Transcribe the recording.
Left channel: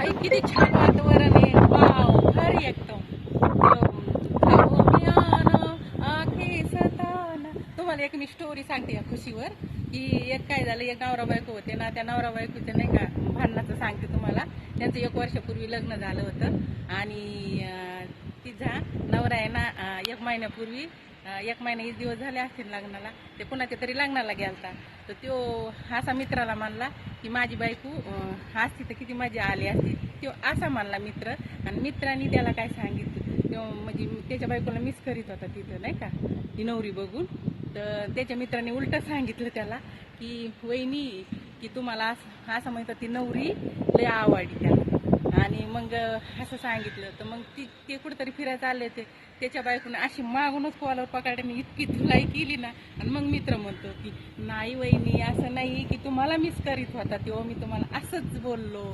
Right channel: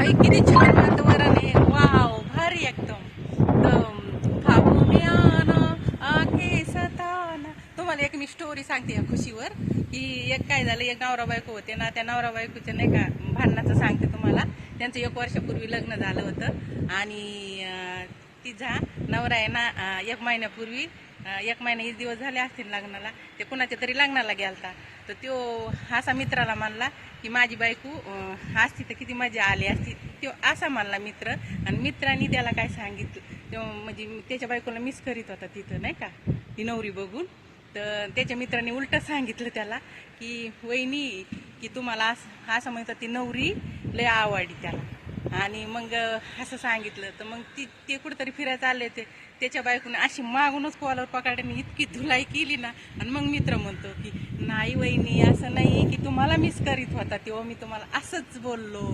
आई किती छान वातावरण आहे. वाव, भारी एकदम. आखे सताना. तुम्हाला एक मी स्टोरी सांगते या खुशीवर. की एक काय झालं, एक नवरा बायको होते ना, त्या नवरा बायकोच्या नाही का भांडणाचं सांगते तुम्हाला. त्यांचं 1 वर्षापूर्वी लग्न झालं होतं आणि तिचा नवरा आहे ना 1 महिन्यापूर्वी 1 महिना 1 दिवस झाले असतील लग्नाला. ते कुणाच्या तरी लग्नाला गेलता. तर तो असा मित्राला म्हणला की माझी बायको असती तर किती मजा आली असती. तो असा म्हणला मित्र. आणि मित्रांनी त्याला काय सांगितलं, तो म्हणजे त्याच्या बायकोला मिस करीत होता तिथं नाही का ती नवरी बघून. तर त्याच्या मित्रांनी उलट सांगितलं त्याला की वहिनी, की तुम्हाला असं म्हणतात ती नवरी लय आवडली त्याला. आणि मग असं सांगितलं. तर मग ते कुठेतरी फिरायला चालले ते. त्याच्या बायकोने अशी मागूनच कॉलर पकडल्याने इतकी धुलाई केली ना. आणि मग मित्र म्हणतो की नाही वहिनी, असं नाही की तुम्हाला मिस करीत होता तेव्हा मी तुम्हाला असंच बोललो.